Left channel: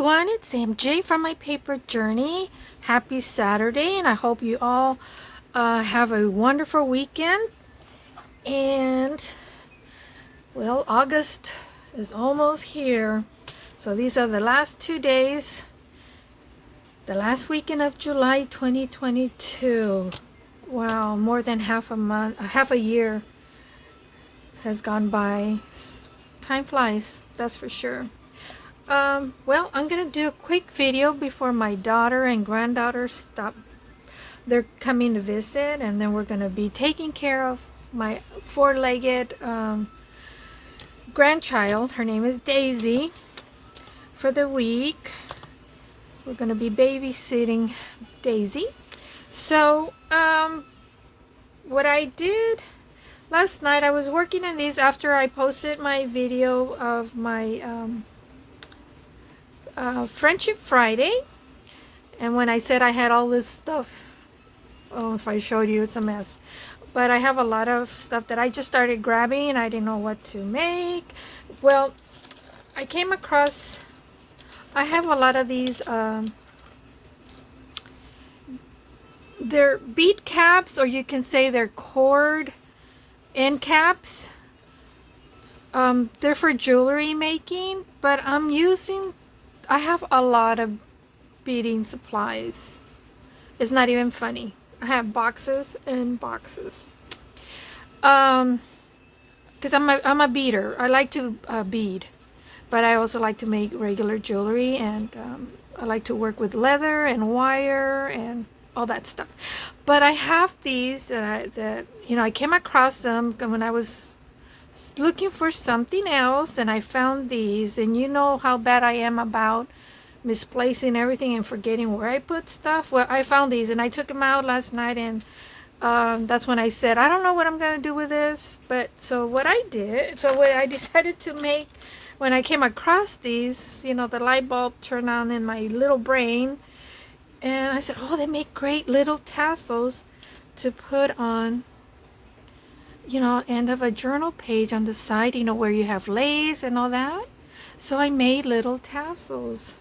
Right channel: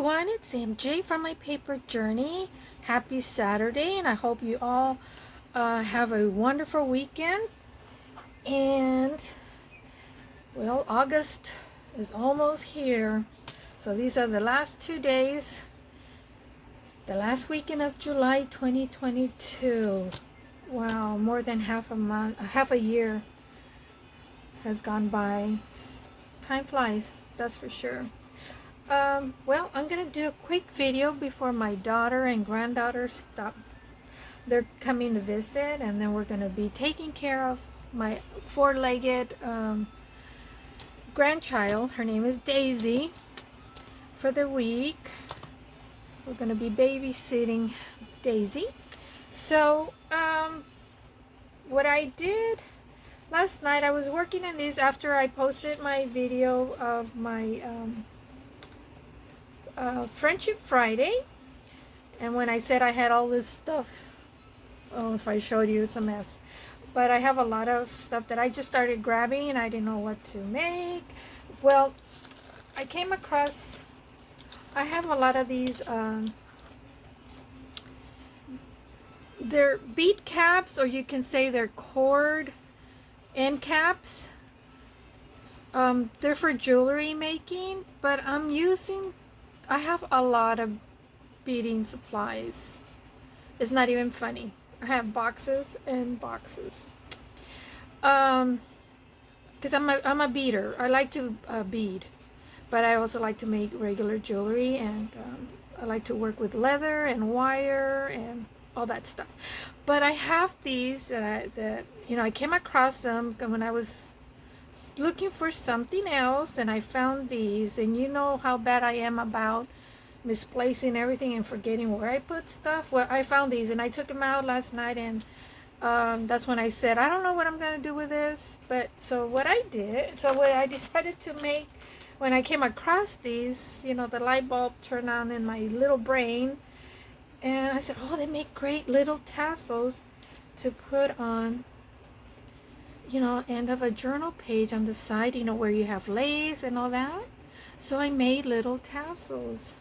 everyone, it's MJ from my paper journey. Happy Saturday, and I hope you all have a wonderful weekend. And well, August is almost here, so these are the last 2 days, the last weekend of July 2022. Wow, more than half a month, half a year has gone by. Time flies, that's for sure. Well, I'm gonna do a quick video before my daughter and granddaughter stop. They're coming to visit, and then we're gonna be taking care of my four-legged grandchild. Her name is Daisy. For the week, we're gonna be babysitting Daisy. So, what I did last night, I was working on these after I posted my video of my Friendship Friday, and when I said I had all this stuff, oh, if I showed you, it's a mess, but I have a lot of stuff that I just started grabbing and I didn't know what to make. Well, I came across, I have a lot of these they're bead caps, or you can say they're cord end caps. They're for jewelry making, but I have a lot of beading supplies. It's not even funny. I have boxes and boxes. Because I'm a beader. I like to bead, but I also like to make regular jewelry, and I like to work with leather and wire and all that stuff. But I have these that I came across them when I was looking for something else, and I found these, and you know how bad I am about misplacing everything and forgetting where I put stuff. Well, I found these and I took them out last night, and that's when I said I don't know what I'm gonna do with this. But what I decided to make when I came across these, the light bulb turned on in my little brain, and I said, oh, they make great little tassels to put on end of a journal page on the side, where you have lace and all that. So I made little tassels,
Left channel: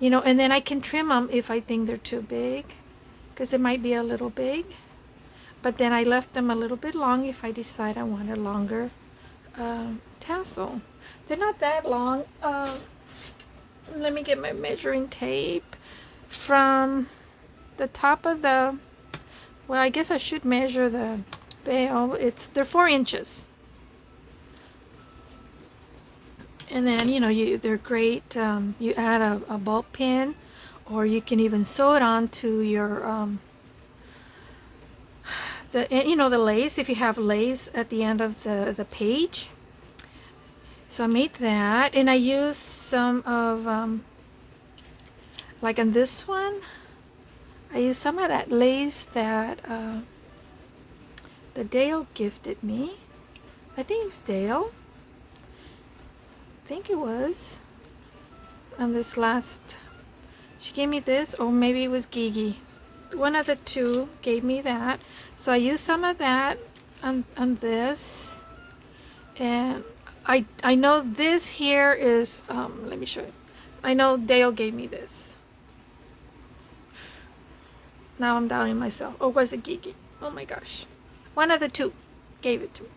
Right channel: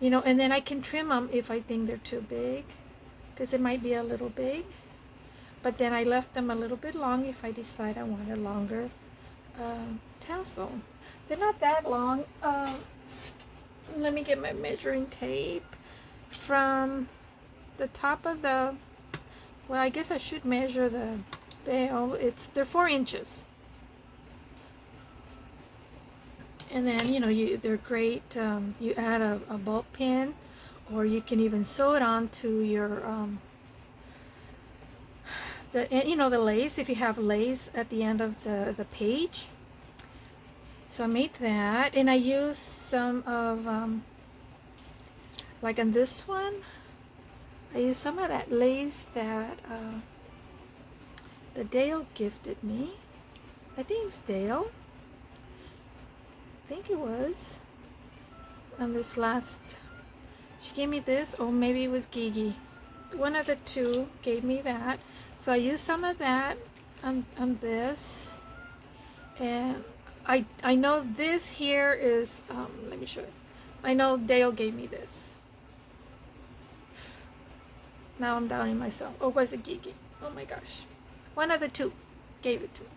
and then I can trim them if I think they're too big, because it might be a little big. But then I left them a little bit long if I decide I want a longer tassel. They're not that long. Let me get my measuring tape from the top of the, well, I guess I should measure the bail. They're 4 inches, and then they're great. You add a ball pin, or you can even sew it onto your the lace, if you have lace at the end of the page. So I made that, and I used some of like on this one, I used some of that lace that Dale gifted me. I think it was Dale. I think it was. On this last, she gave me this, or maybe it was Gigi. One of the two gave me that. So I used some of that on this. And I know this here is, let me show you. I know Dale gave me this. Now I'm doubting myself. Or was it Gigi? Oh my gosh. One of the two gave it to me.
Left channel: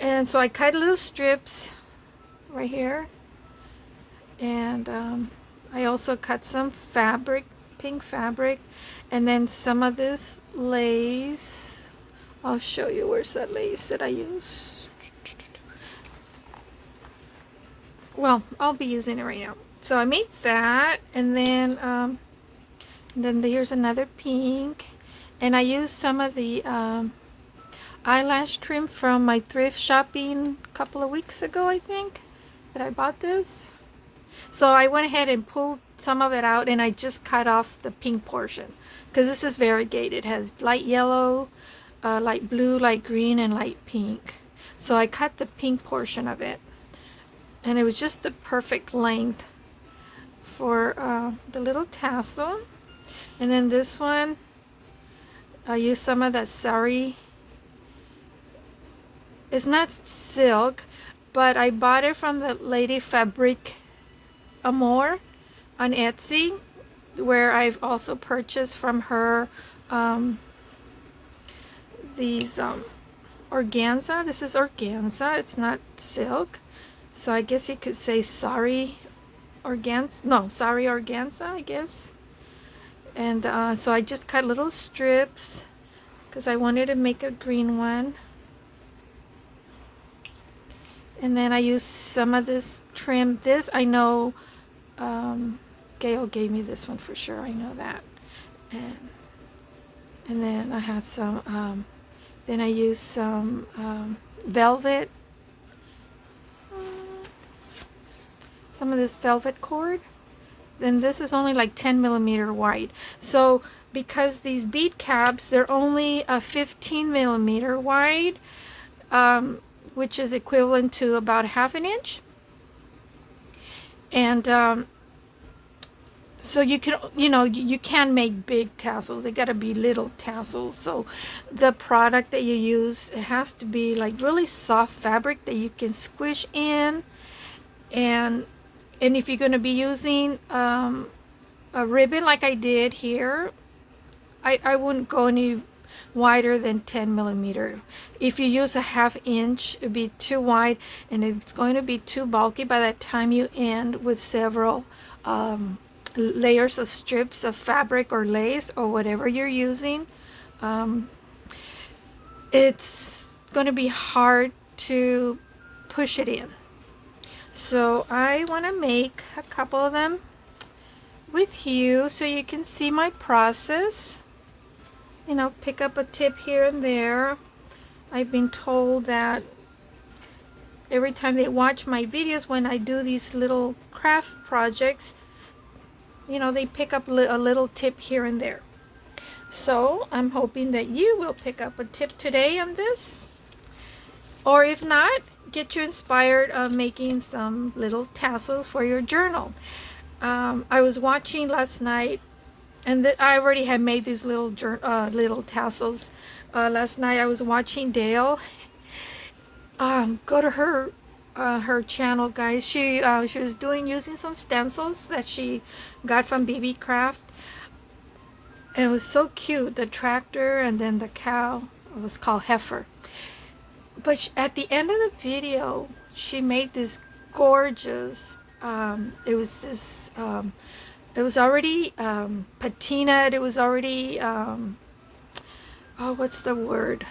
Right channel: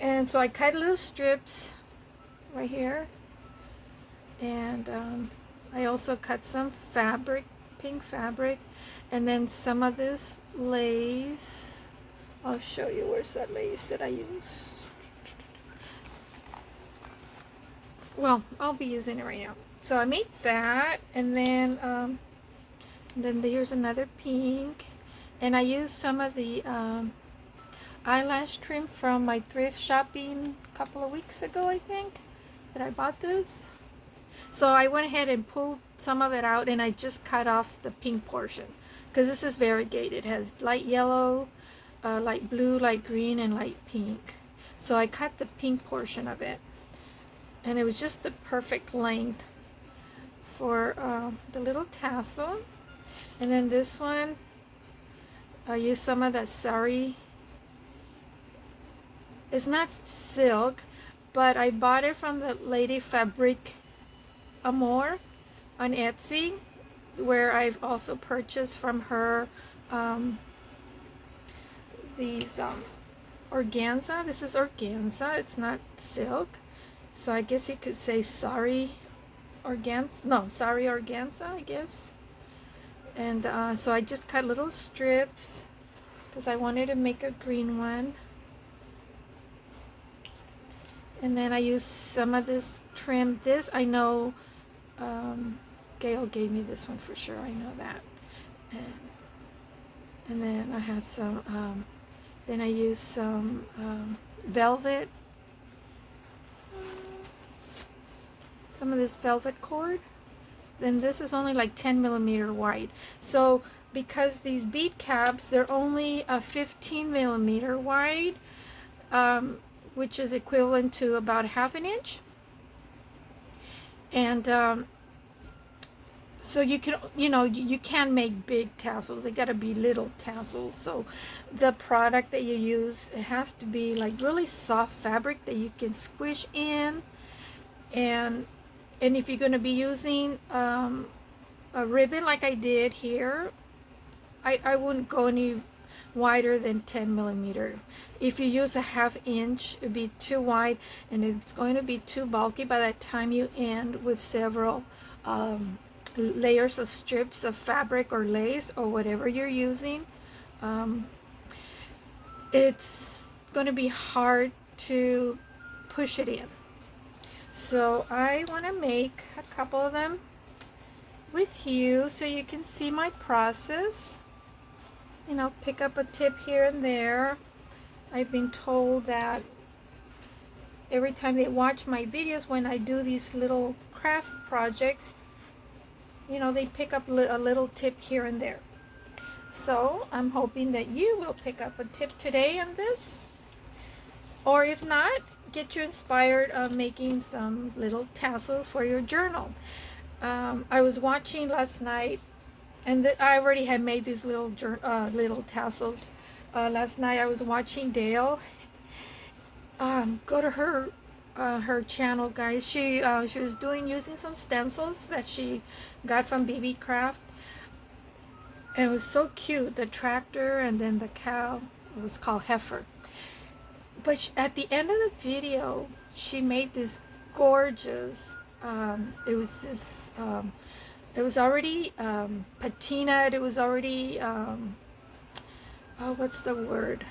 And so I cut little strips right here. And I also cut some fabric, pink fabric. And then some of this lace. I'll show you where's that lace that I use. Well, I'll be using it right now. So I made that, and then here's another pink, and I used some of the eyelash trim from my thrift shopping a couple of weeks ago, I think, that I bought this. So I went ahead and pulled some of it out, and I just cut off the pink portion, because this is variegated. It has light yellow, light blue, light green, and light pink. So I cut the pink portion of it, and it was just the perfect length for the little tassel. And then this one, I used some of that sari. It's not silk, but I bought it from the Lady Fabric more on Etsy, where I've also purchased from her these organza. This is organza. It's not silk. So I guess you could say sari organza. No, sari organza, I guess. And so I just cut little strips because I wanted to make a green one. And then I used some of this trim. This I know Gail gave me this one for sure. I know that. And then I had some, then I used some velvet, some of this velvet cord. Then this is only like 10 millimeter wide. So because these bead caps, they're only 15 millimeter wide, which is equivalent to about ½ inch. And so you can, you can make big tassels. They gotta be little tassels. So the product that you use, it has to be like really soft fabric that you can squish in. And if you're gonna be using a ribbon like I did here, I wouldn't go any wider than 10 millimeter. If you use a ½ inch, it'd be too wide and it's going to be too bulky by the time you end with several layers of strips of fabric or lace or whatever you're using. It's going to be hard to push it in. So I want to make a couple of them with you so you can see my process. Pick up a tip here and there. I've been told that every time they watch my videos when I do these little craft projects, they pick up a little tip here and there. So I'm hoping that you will pick up a tip today on this. Or if not, get you inspired of making some little tassels for your journal. I was watching last night, and I already had made these little tassels. Last night I was watching Dale. Go to her channel, guys. She was using some stencils that she got from BB Craft. And it was so cute. The tractor and then the cow. It was called Heifer. But at the end of the video, she made this gorgeous. It was this. It was already patinaed. It was already what's the word?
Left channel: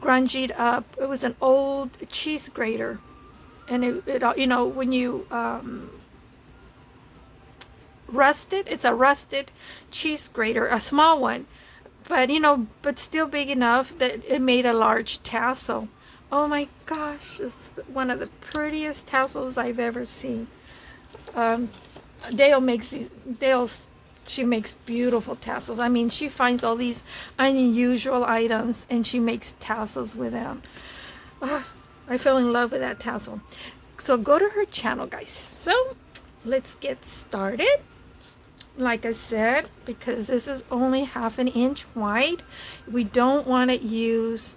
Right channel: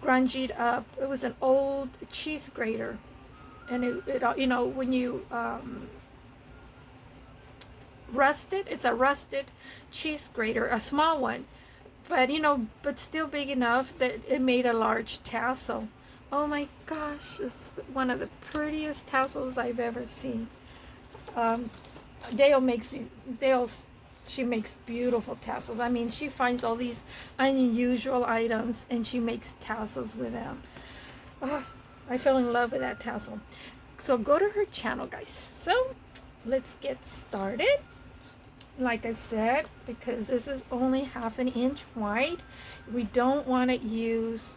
Grungied up. It was an old cheese grater, and it when you rust it, it's a rusted cheese grater, a small one, but still big enough that it made a large tassel. Oh my gosh, it's one of the prettiest tassels I've ever seen. Dale makes these. She makes beautiful tassels. I mean, she finds all these unusual items and she makes tassels with them. I fell in love with that tassel. So go to her channel, guys. So let's get started. Like I said, because this is only ½ inch wide, we don't want to use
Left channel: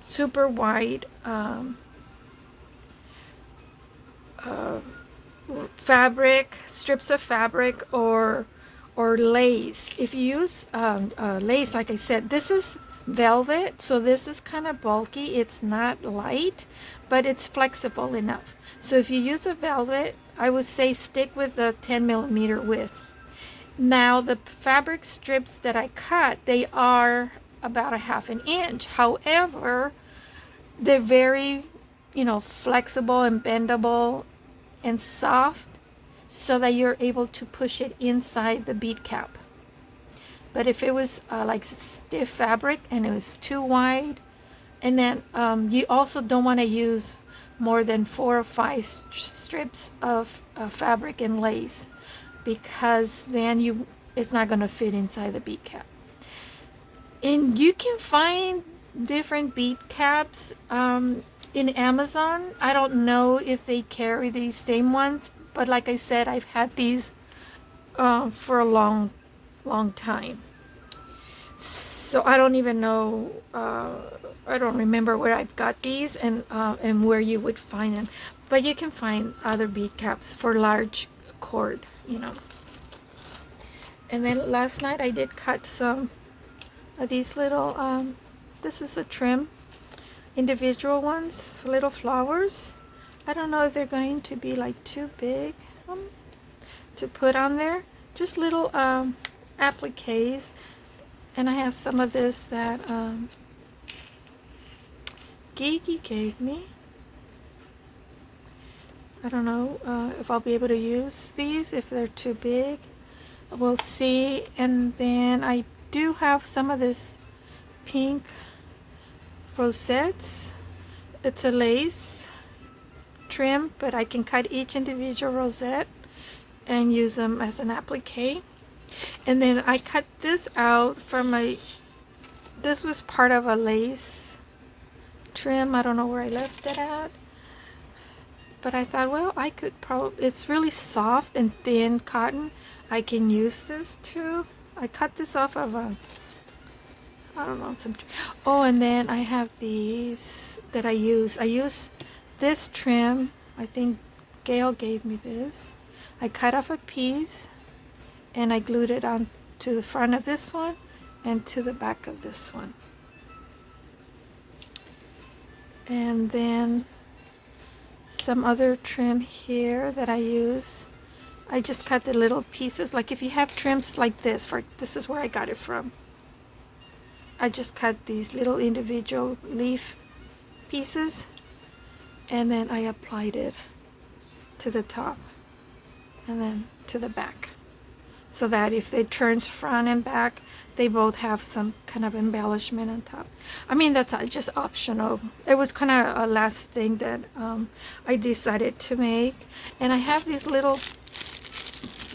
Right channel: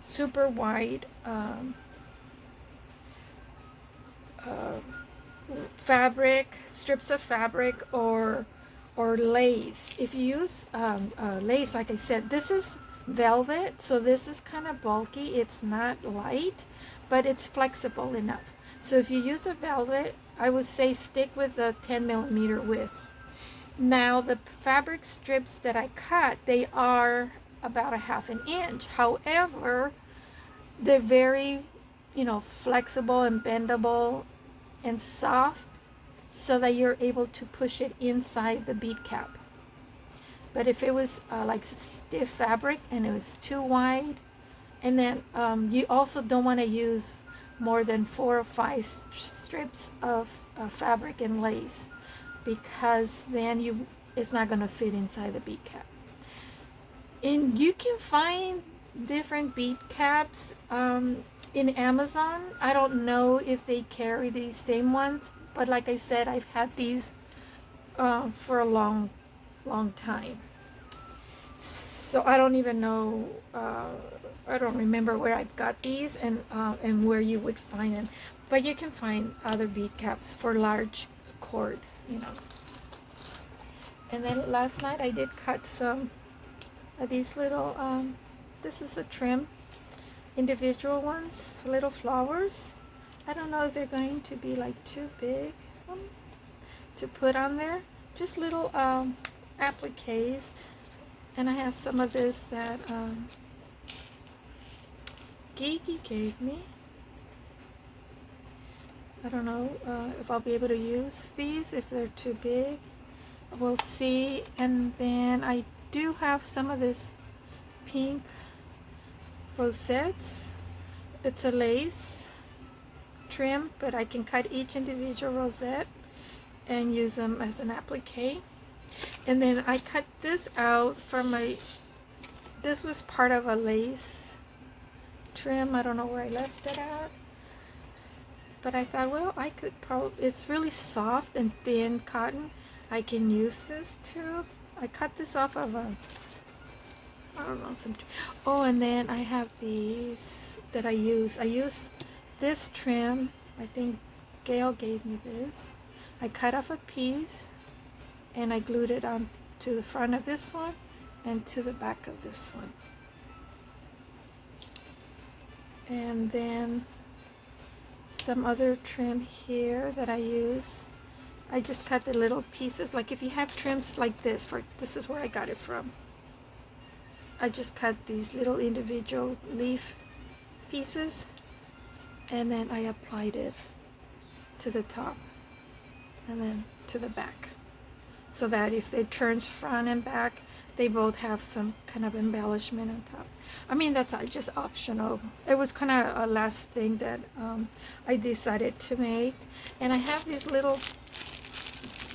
super wide fabric, strips of fabric, or lace. If you use lace, like I said, this is velvet, so this is kind of bulky. It's not light, but it's flexible enough. So if you use a velvet, I would say stick with the 10 millimeter width. Now the fabric strips that I cut, they are about ½ inch. However, they're very flexible and bendable and soft, so that you're able to push it inside the bead cap. But if it was like stiff fabric and it was too wide, and then you also don't want to use more than 4 or 5 strips of fabric and lace, because then it's not going to fit inside the bead cap. And you can find different bead caps in Amazon. I don't know if they carry these same ones, but like I said, I've had these for a long time. So I don't even know, I don't remember where I've got these and where you would find them. But you can find other bead caps for large cord, you know. And then last night I did cut some of these little, this is a trim, individual ones, for little flowers. I don't know if they're going to be like too big to put on there. Just little appliques. And I have some of this that Gigi gave me. I don't know if I'll be able to use these if they're too big. We'll see. And then I do have some of this pink rosettes. It's a lace trim, but I can cut each individual rosette and use them as an applique. And then I cut this out from this was part of a lace trim. I don't know where I left it at, but I thought, well, I could probably, it's really soft and thin cotton. I can use this too. I cut this off of a, I don't know, some, oh, and then I have these that I use. I use this trim. I think Gail gave me this. I cut off a piece and I glued it on to the front of this one and to the back of this one. And then some other trim here that I use. I just cut the little pieces. Like if you have trims like this, this is where I got it from. I just cut these little individual leaf pieces and then I applied it to the top and then to the back, so that if it turns front and back, they both have some kind of embellishment on top. I mean, that's just optional. It was kind of a last thing that I decided to make. And I have these little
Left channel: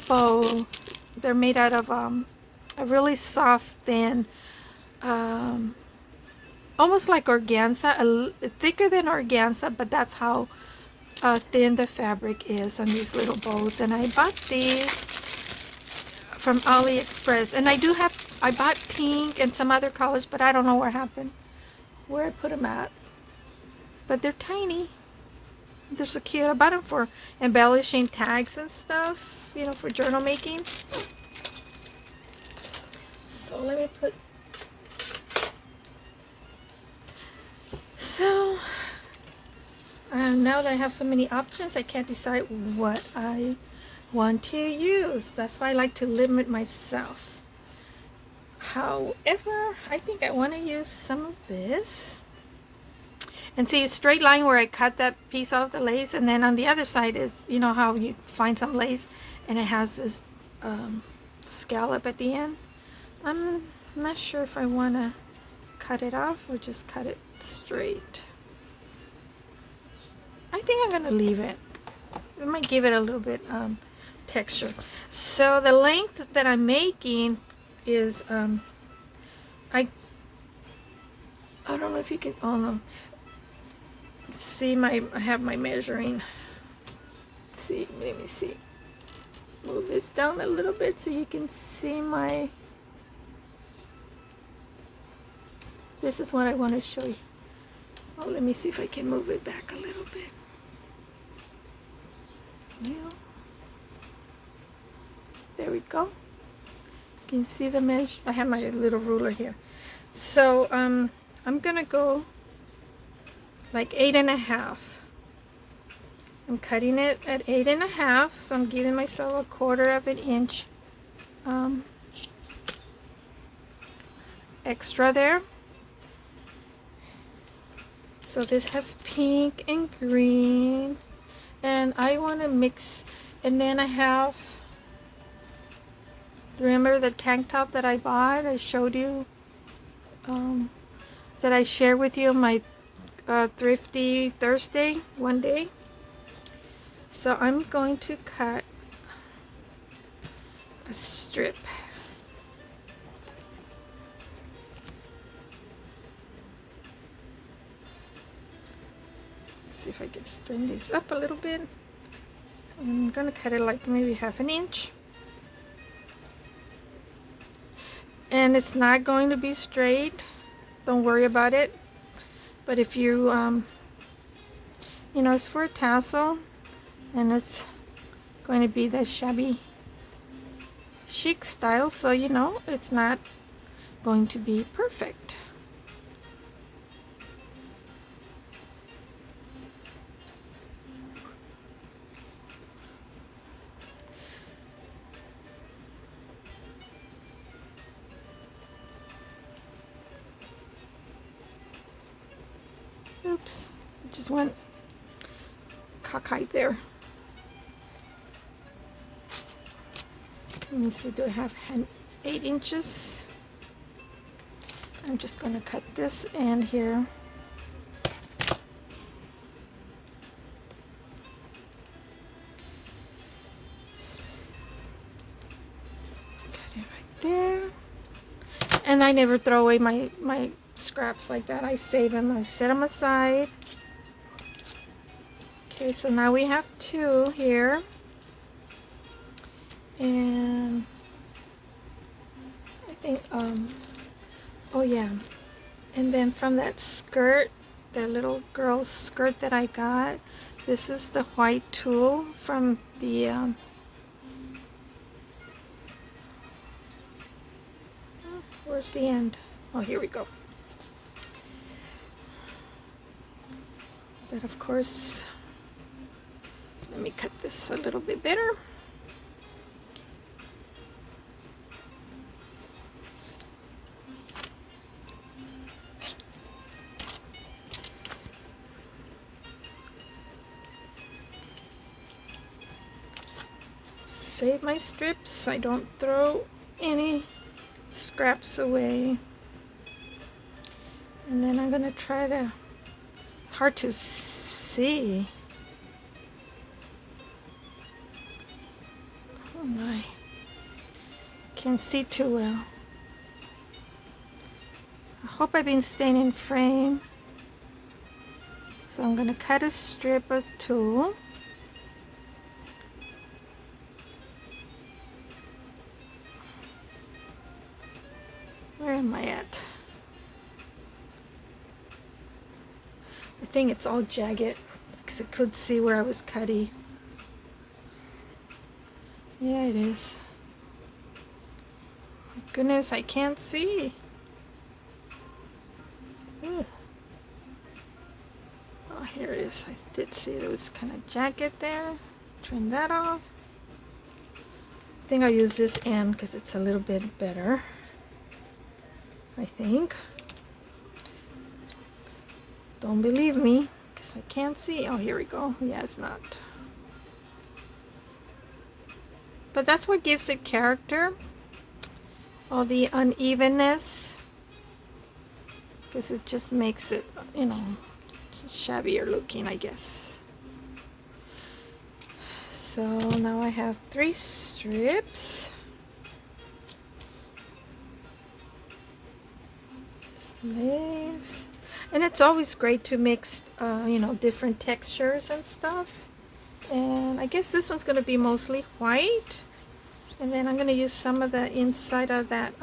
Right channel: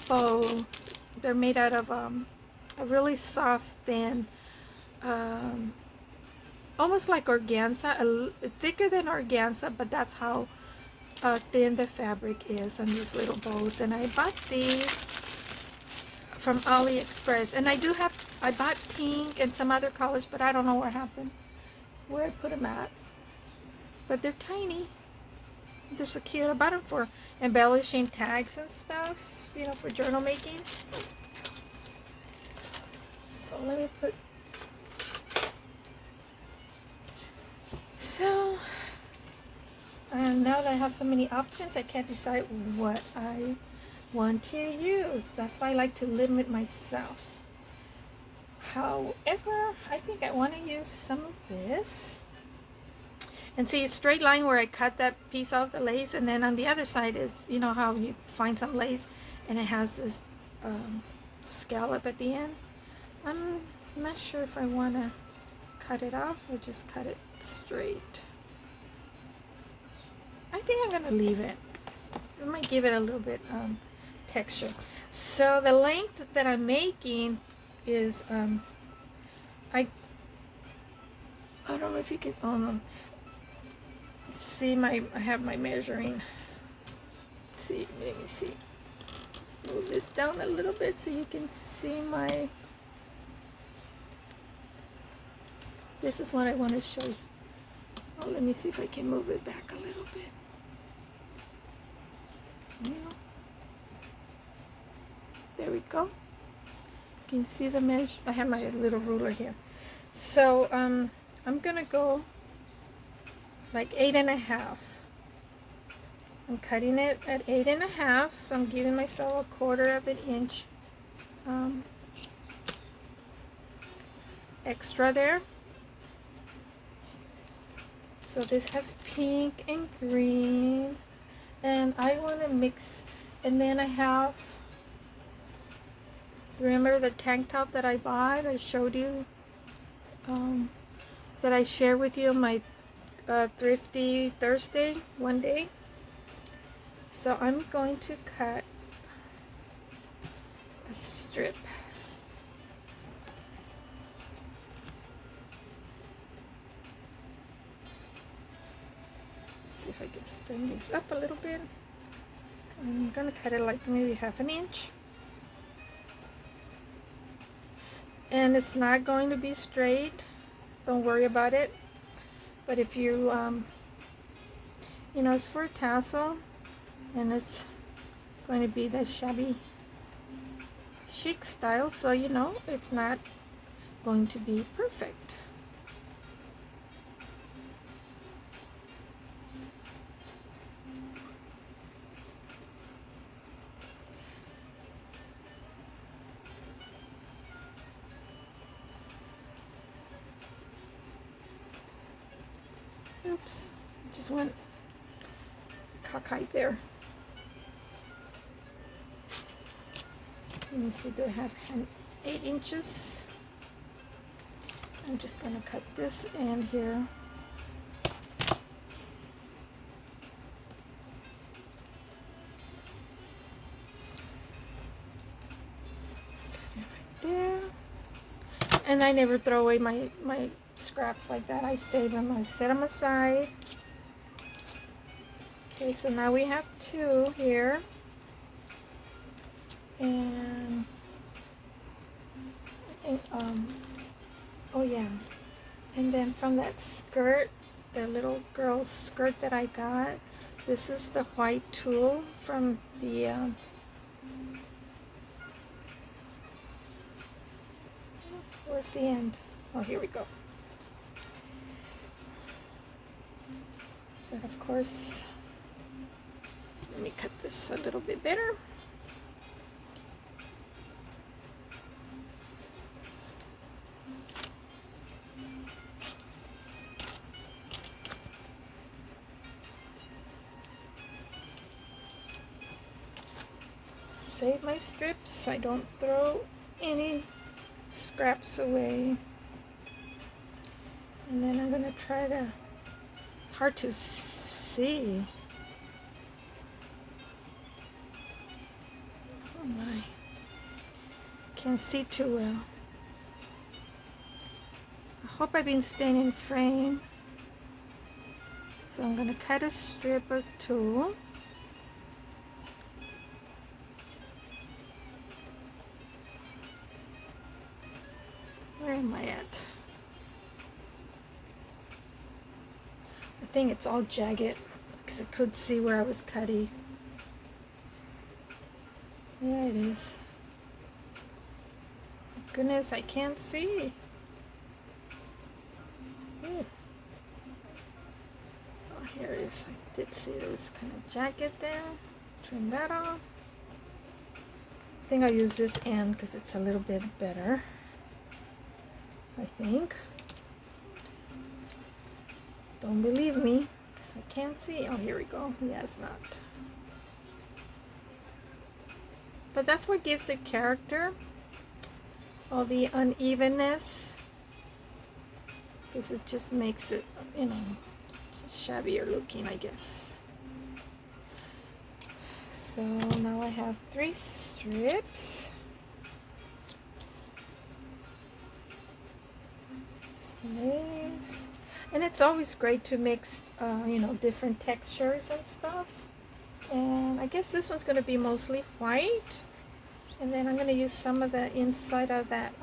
bows. They're made out of a really soft, thin, almost like organza, thicker than organza, but that's how thin the fabric is on these little bows. And I bought these from AliExpress, and I bought pink and some other colors, but I don't know where I put them at. But they're tiny. They're so cute. I bought them for embellishing tags and stuff, you know, for journal making. So let me put. So now that I have so many options, I can't decide what I want to use. That's why I like to limit myself. However, I think I want to use some of this. And see a straight line where I cut that piece off the lace, and then on the other side is, you know how you find some lace and it has this scallop at the end. I'm not sure if I want to cut it off or just cut it straight. I think I'm going to leave it. I might give it a little bit texture. So the length that I'm making is I don't know if you can, oh no, see I have my measuring. See, let me see, move this down a little bit so you can see this is what I want to show you. Oh, let me see if I can move it back a little bit. Yeah. There we go. You can see the measure. I have my little ruler here. So I'm gonna go like 8.5. I'm cutting it at 8.5, so I'm giving myself a 1/4 of an inch extra there. So this has pink and green, and I want to mix. And then I have, remember the tank top that I bought? I showed you, that I shared with you my Thrifty Thursday one day. So I'm going to cut a strip. Let's see if I can string this up a little bit. I'm gonna cut it like maybe 1/2 inch. And it's not going to be straight. Don't worry about it. But if you You know, it's for a tassel, and it's going to be the shabby chic style, so you know it's not going to be perfect. Oops, just went cockeyed there. Let me see, do I have 8 inches? I'm just going to cut this end here. Cut it right there. And I never throw away my scraps like that. I save them, I set them aside. Okay, so now we have 2 here. And I think, oh yeah. And then from that skirt, that little girl's skirt that I got, this is the white tulle from the, oh, where's the end? Oh, here we go. But of course, let me cut this a little bit better. Save my strips. I don't throw any scraps away. And then I'm gonna try to, it's hard to see. Oh my, can't see too well. I hope I've been staying in frame. So I'm gonna cut a strip of tulle. Where am I at? I think it's all jagged because I could see where I was cutting. Yeah, it is. My goodness, I can't see. Ugh. Oh, here it is. I did see it was kind of jagged there. Trim that off. I think I'll use this end because it's a little bit better. I think. Don't believe me because I can't see. Oh, here we go. Yeah, it's not. But that's what gives it character. All the unevenness. Because it just makes it, you know, shabbier looking, I guess. So now I have 3 strips. Lace. And it's always great to mix you know, different textures and stuff. And I guess this one's going to be mostly white, and then I'm going to use some of the inside of that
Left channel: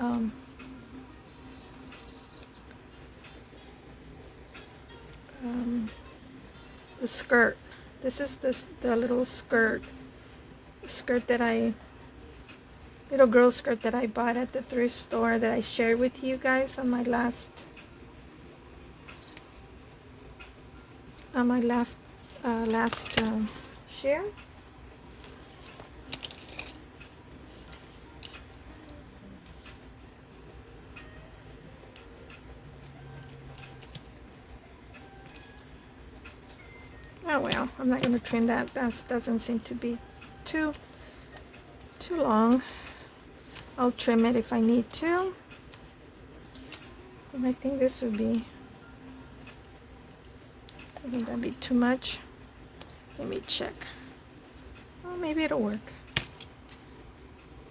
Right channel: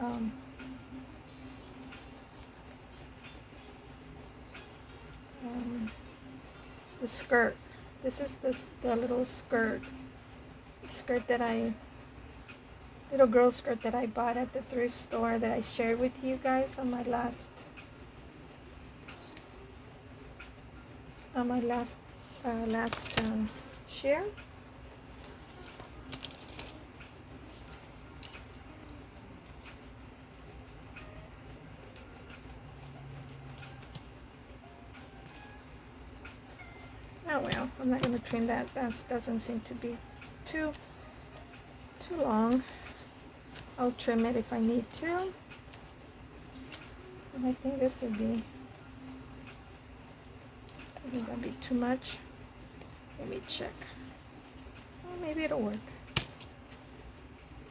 the skirt. This is the little skirt that little girl skirt that I bought at the thrift store that I shared with you guys on my last share. Oh well, I'm not going to trim that. That doesn't seem to be too long. I'll trim it if I need to. And I think this would be, I think that'd be too much. Let me check. Well, maybe it'll work.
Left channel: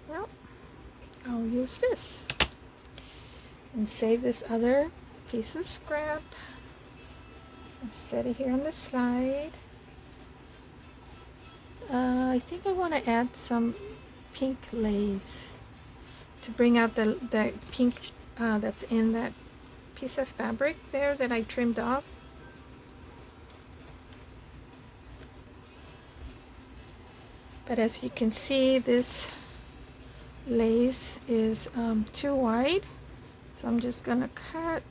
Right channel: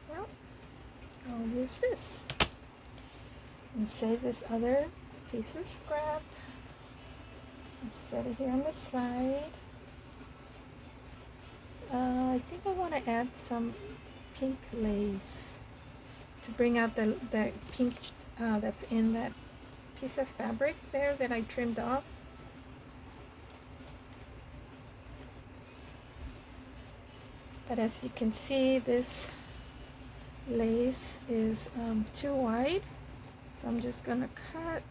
Well, I'll use this and save this other piece of scrap and set it here on the side. I think I want to add some pink lace to bring out the pink that's in that piece of fabric there that I trimmed off. But as you can see, this lace is too wide, so I'm just gonna cut.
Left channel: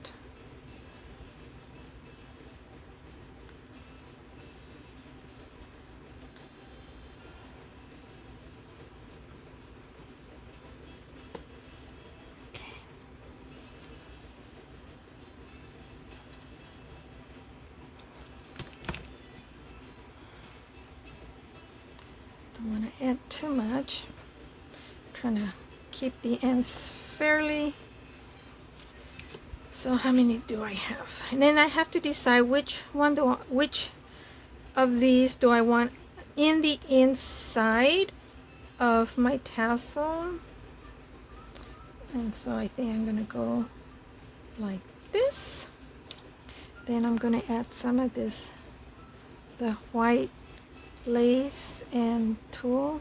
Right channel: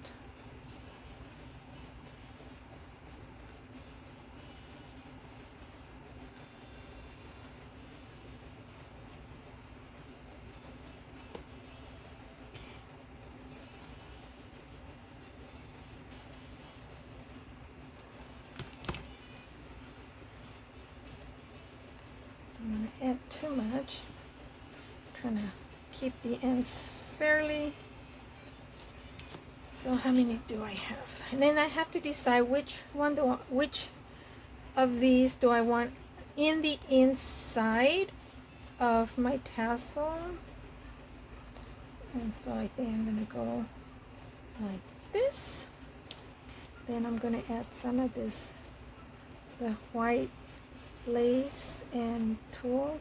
Don't want to add too much. I'm trying to keep the ends fairly. So how many do I have? And then I have to decide which of these do I want in the inside of my tassel. And so I think I'm gonna go like this. Then I'm gonna add some of this, the white lace and tulle,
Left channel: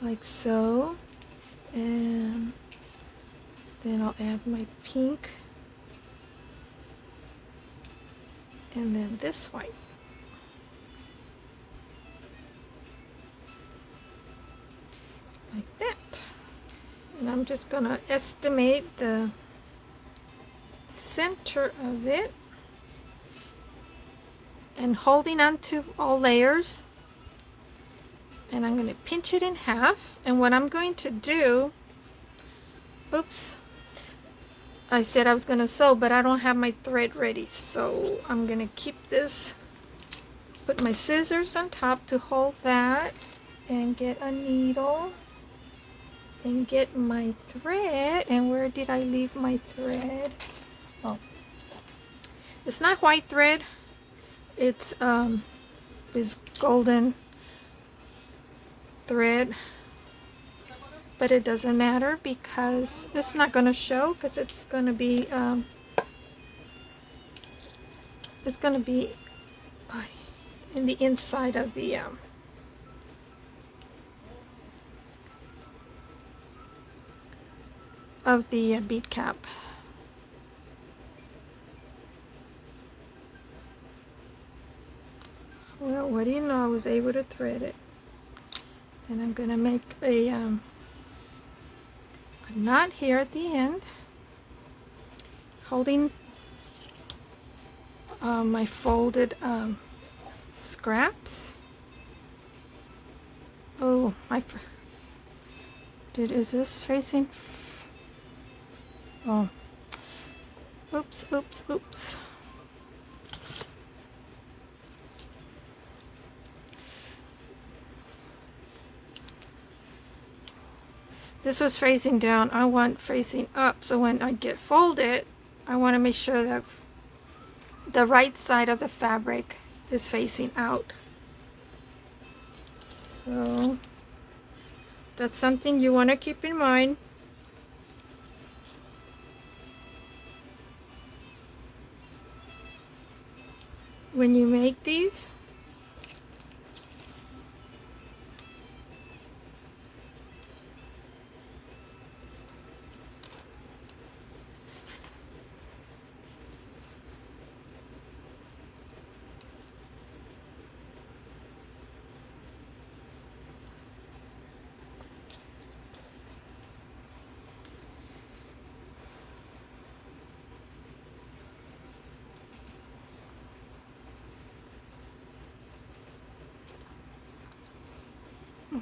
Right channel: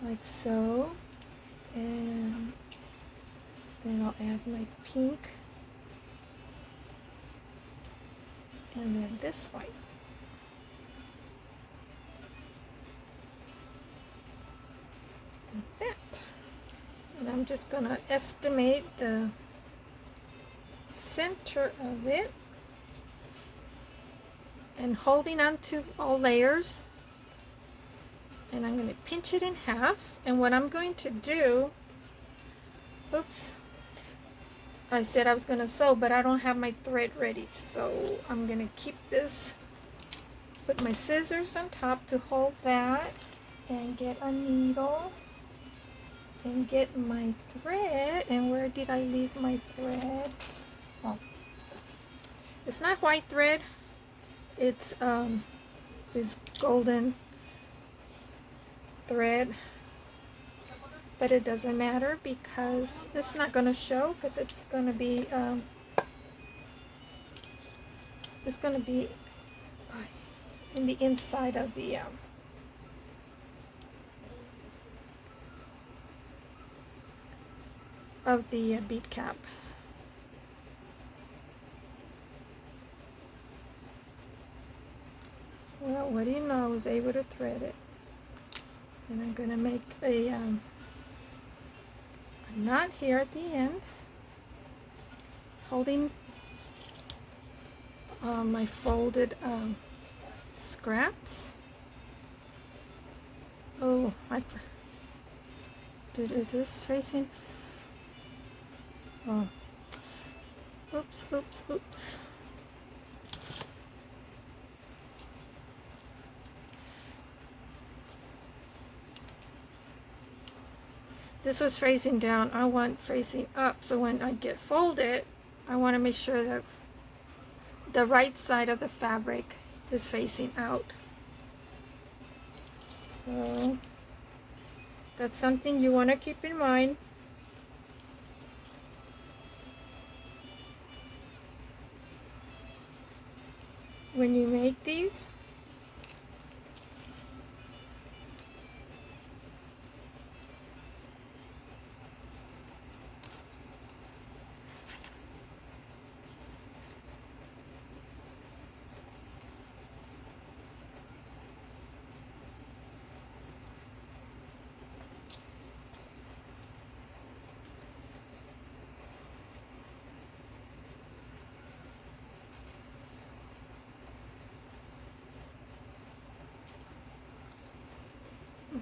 like so. And then I'll add my pink, and then this white. Like that. And I'm just gonna estimate the center of it and holding on to all layers, and I'm going to pinch it in half. And what I'm going to do, oops, I said I was going to sew, but I don't have my thread ready, so I'm going to keep this, put my scissors on top to hold that, and get a needle and get my thread. And where did I leave my thread? Oh, it's not white thread, it's this golden thread, but it doesn't matter because it's not going to show, because it's going to be in the inside of the bead cap. Well, what do you know, I was able to thread it. And I'm going to make a knot here at the end, holding my folded scraps. Oh, is this facing? Oh, oops, oops, oops. This was facing down. I want facing up, so when I get folded, I want to make sure that the right side of the fabric is facing out. So that's something you want to keep in mind. When you make these.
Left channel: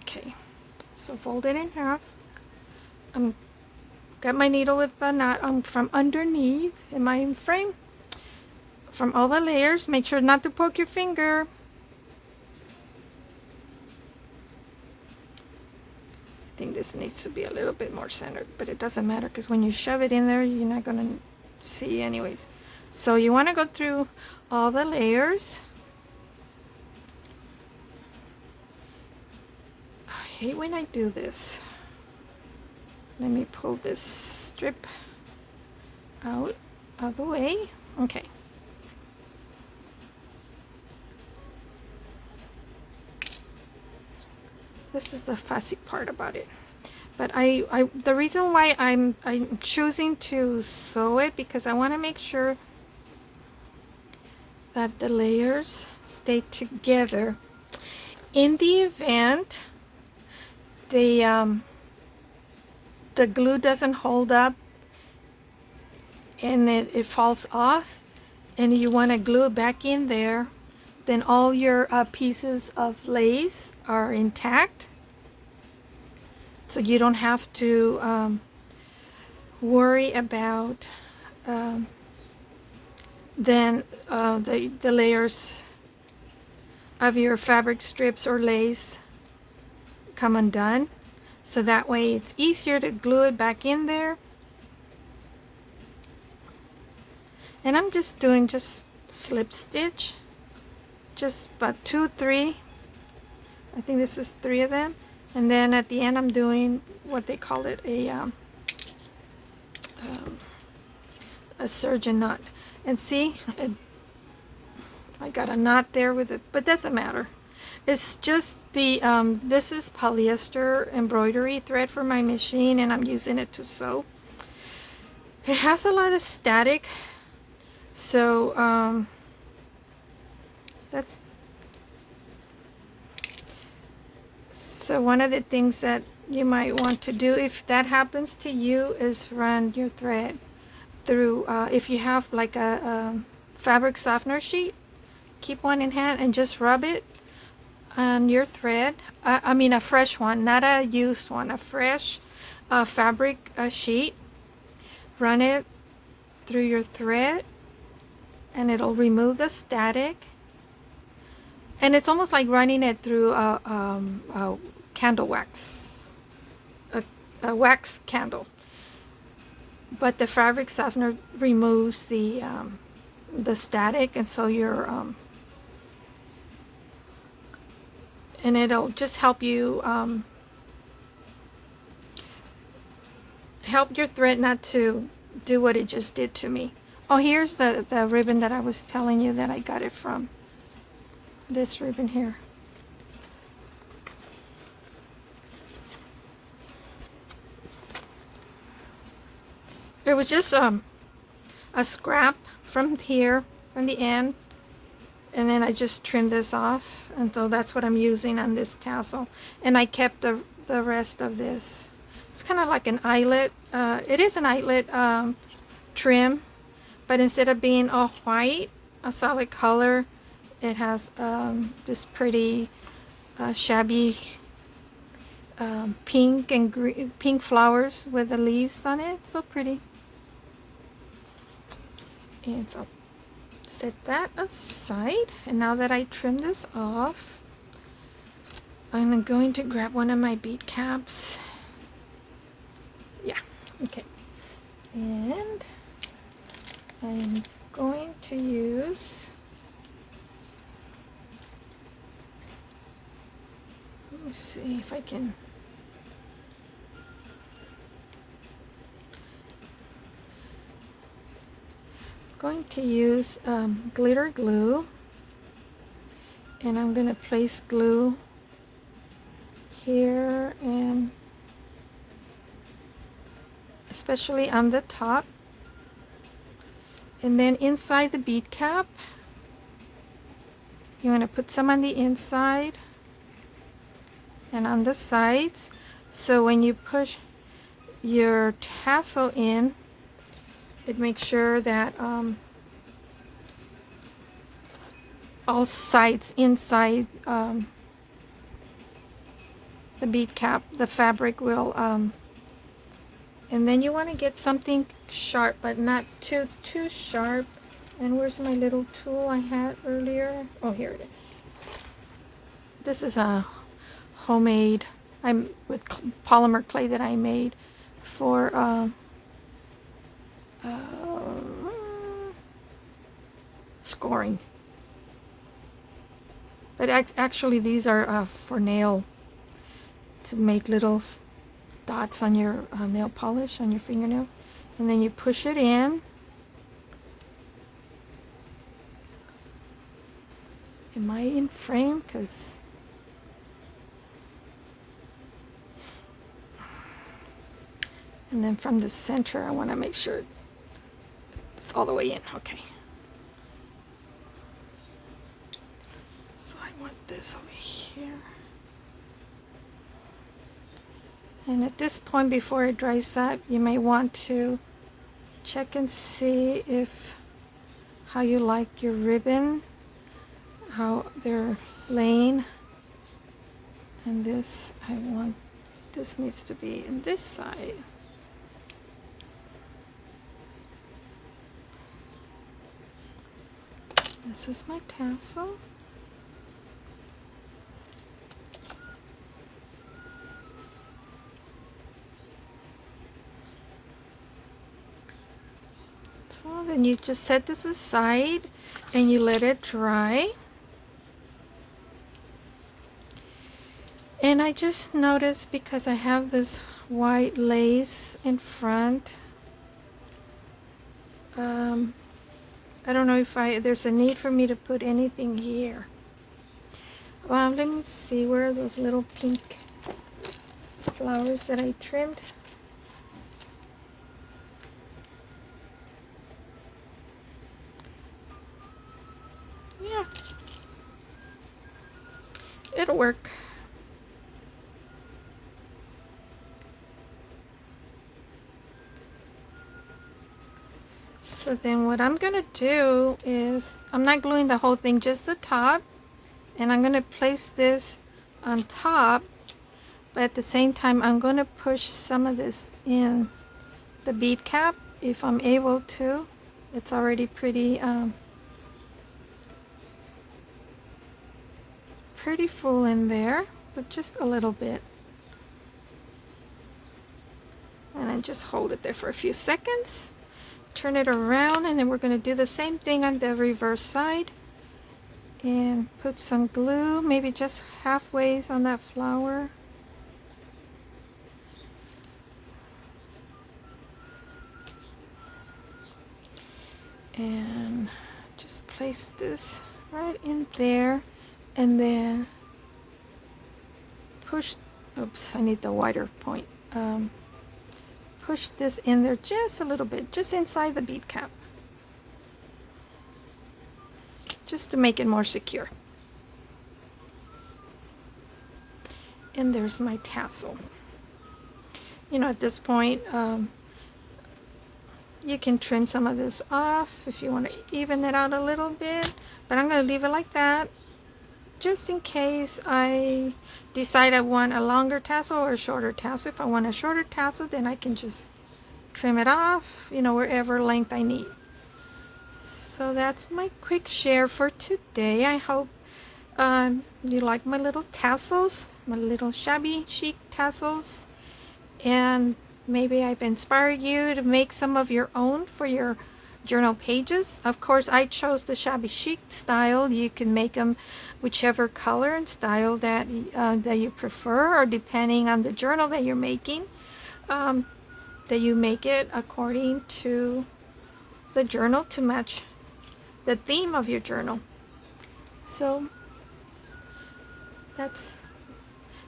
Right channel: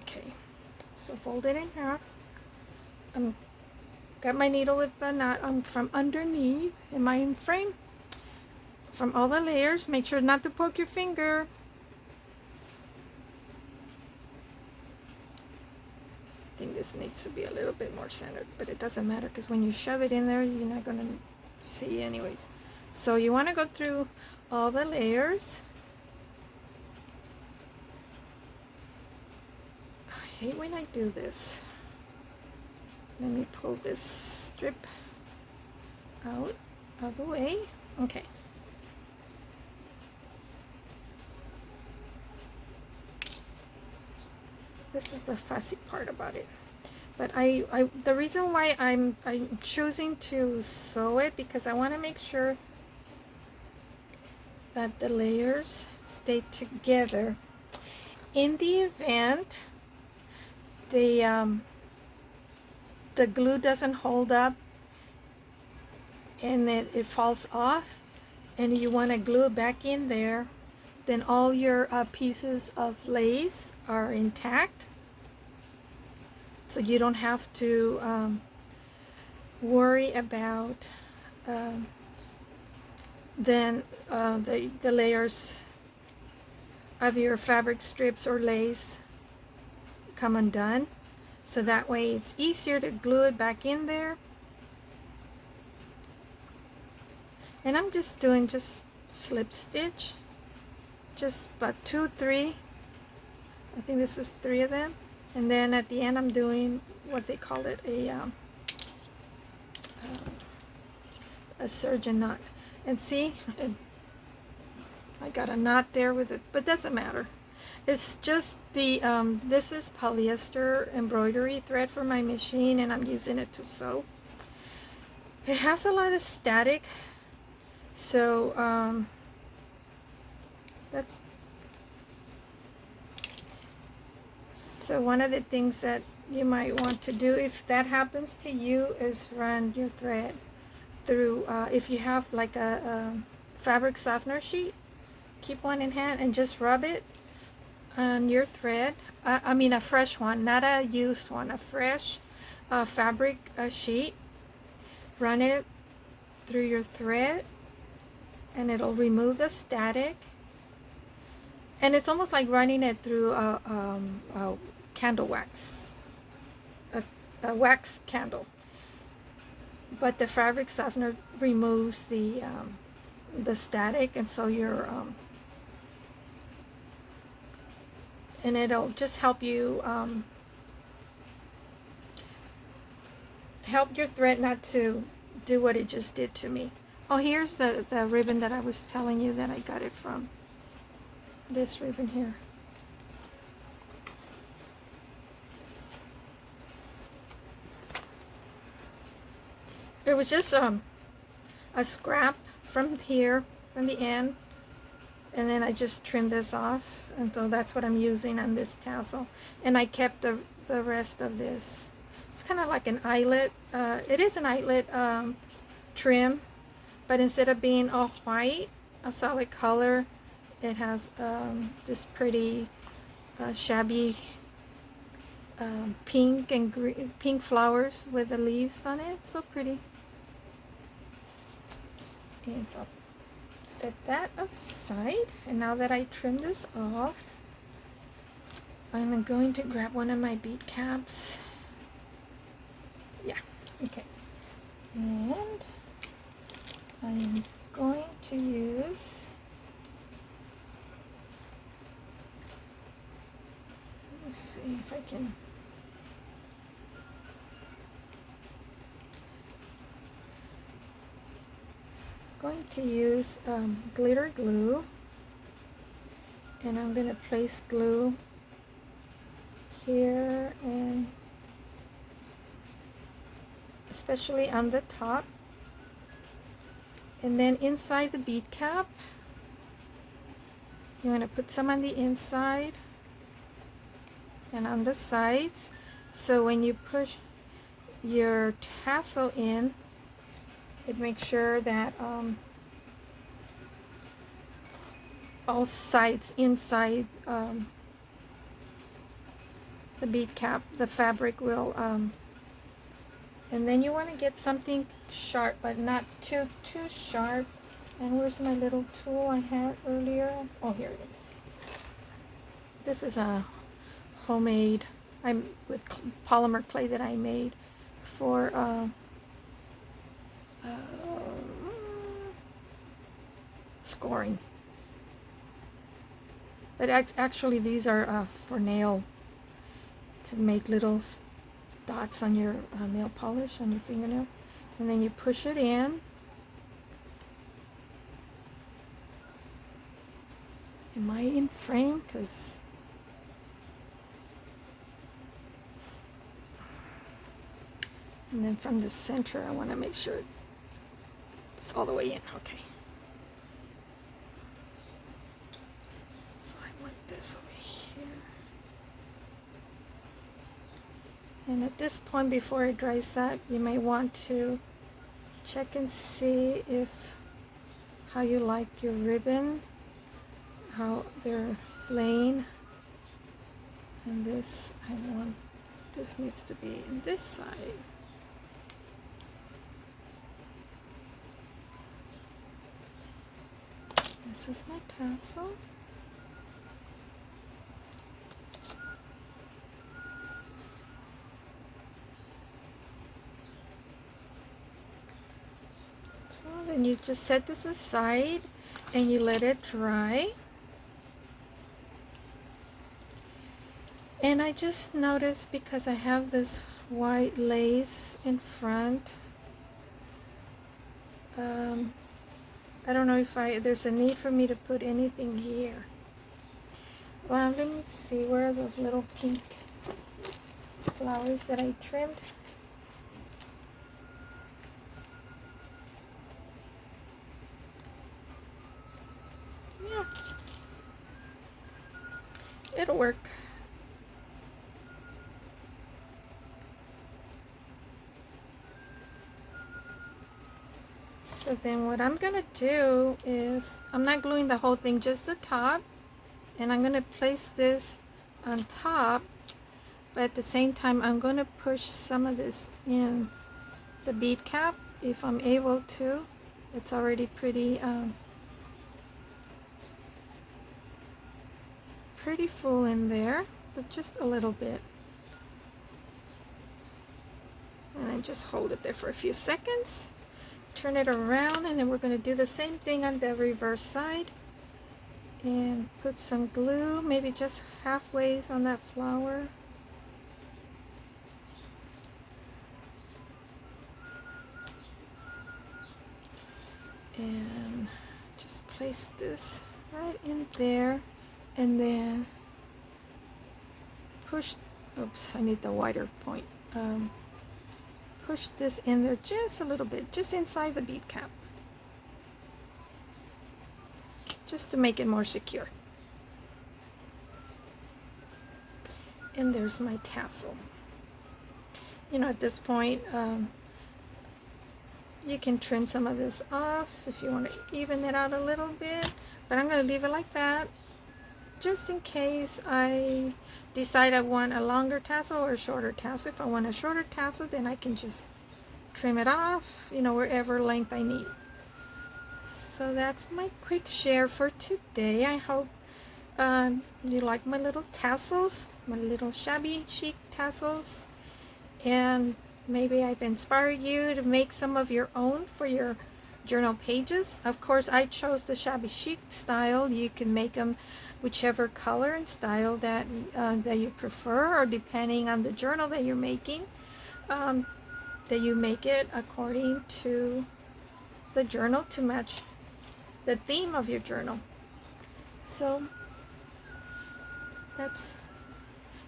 Okay, so fold it in half. Got my needle with the knot from underneath in my frame. From all the layers, make sure not to poke your finger. I think this needs to be a little bit more centered, but it doesn't matter because when you shove it in there, you're not gonna see anyways. So you want to go through all the layers. I hate when I do this. Let me pull this strip out of the way. Okay. This is the fussy part about it. But the reason why I'm choosing to sew it, because I want to make sure that the layers stay together. In the event the glue doesn't hold up and it falls off and you want to glue it back in there, then all your pieces of lace are intact, so you don't have to worry about then the layers of your fabric strips or lace come undone. So that way it's easier to glue it back in there. And I'm just doing slip stitch, just about 2, 3. I think this is 3 of them. And then at the end I'm doing what they call it, a surgeon knot. And see, I got a knot there with it, but doesn't matter. It's just the this is polyester embroidery thread for my machine, and I'm using it to sew. It has a lot of static, so so one of the things that you might want to do if that happens to you is run your thread through, if you have like a fabric softener sheet, keep one in hand and just rub it on your thread. I mean a fresh one, not a used one, a fresh fabric sheet. Run it through your thread and it'll remove the static. And it's almost like running it through a candle wax, a wax candle. But the fabric softener removes the static, and so you're and it'll just help you help your thread not to do what it just did to me. Oh, here's the ribbon that I was telling you that I got it from. This ribbon here. It was just a scrap from here, from the end, and then I just trimmed this off, and so that's what I'm using on this tassel. And I kept the rest of this. It's kind of like an eyelet. It is an eyelet trim, but instead of being all white, a solid color, it has this pretty shabby pink and green, pink flowers with the leaves on it. So pretty. And so set that aside. And now that I trim this off, I'm going to grab one of my bead caps. Yeah, okay. And I'm going to use, let's see if I can, going to use glitter glue, and I'm going to place glue here and especially on the top, and then inside the bead cap you want to put some on the inside and on the sides, so when you push your tassel in, it makes sure that all sides inside the bead cap, the fabric will and then you want to get something sharp, but not too sharp. And where's my little tool I had earlier? Oh, here it is. This is a homemade, I'm with polymer clay that I made for scoring. But actually these are for nail, to make little dots on your nail polish on your fingernail, and then you push it in. Am I in frame? Because and then from the center I want to make sure it's all the way in. Okay. this over here. And at this point, before it dries up, you may want to check and see if how you like your ribbon, how they're laying. And this, this needs to be in this side. This is my tassel. So then you just set this aside and you let it dry. And I just noticed, because I have this white lace in front, I don't know if there's a need for me to put anything here. Well, let me see, where are those little pink flowers that I trimmed? Yeah, it'll work. So then what I'm gonna do is, I'm not gluing the whole thing, just the top, and I'm gonna place this on top, but at the same time I'm gonna push some of this in the bead cap if I'm able to. It's already pretty pretty full in there, but just a little bit. And I just hold it there for a few seconds. Turn it around, and then we're going to do the same thing on the reverse side and put some glue, maybe just halfway on that flower. And just place this right in there, and then push, oops, I need the wider point. Push this in there just a little bit, just inside the bead cap, just to make it more secure. And there's my tassel. You know, at this point, you can trim some of this off if you want to even it out a little bit, but I'm going to leave it like that, just in case I decide I want a longer tassel or a shorter tassel. If I want a shorter tassel, then I can just trim it off, you know, wherever length I need. So that's my quick share for today. I hope you like my little tassels, my little shabby chic tassels, and maybe I've inspired you to make some of your own for your journal pages. Of course, I chose the shabby chic style. You can make them whichever color and style that you prefer, or depending on the journal that you're making, that you make it according to the journal to match the theme of your journal. So that's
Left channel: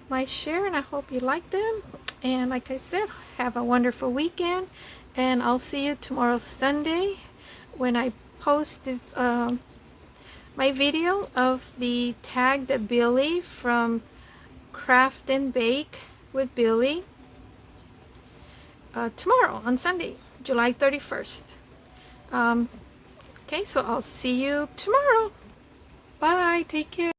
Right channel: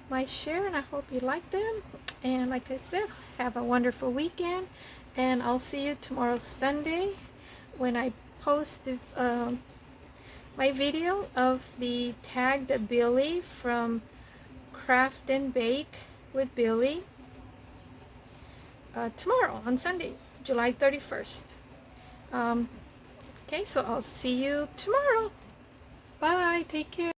my share, and I hope you like them. And like I said, have a wonderful weekend, and I'll see you tomorrow, Sunday, when I post the, my video of the tag that Billy from Craft and Bake with Billy, tomorrow on Sunday, July 31st. Okay, so I'll see you tomorrow. Bye, take care.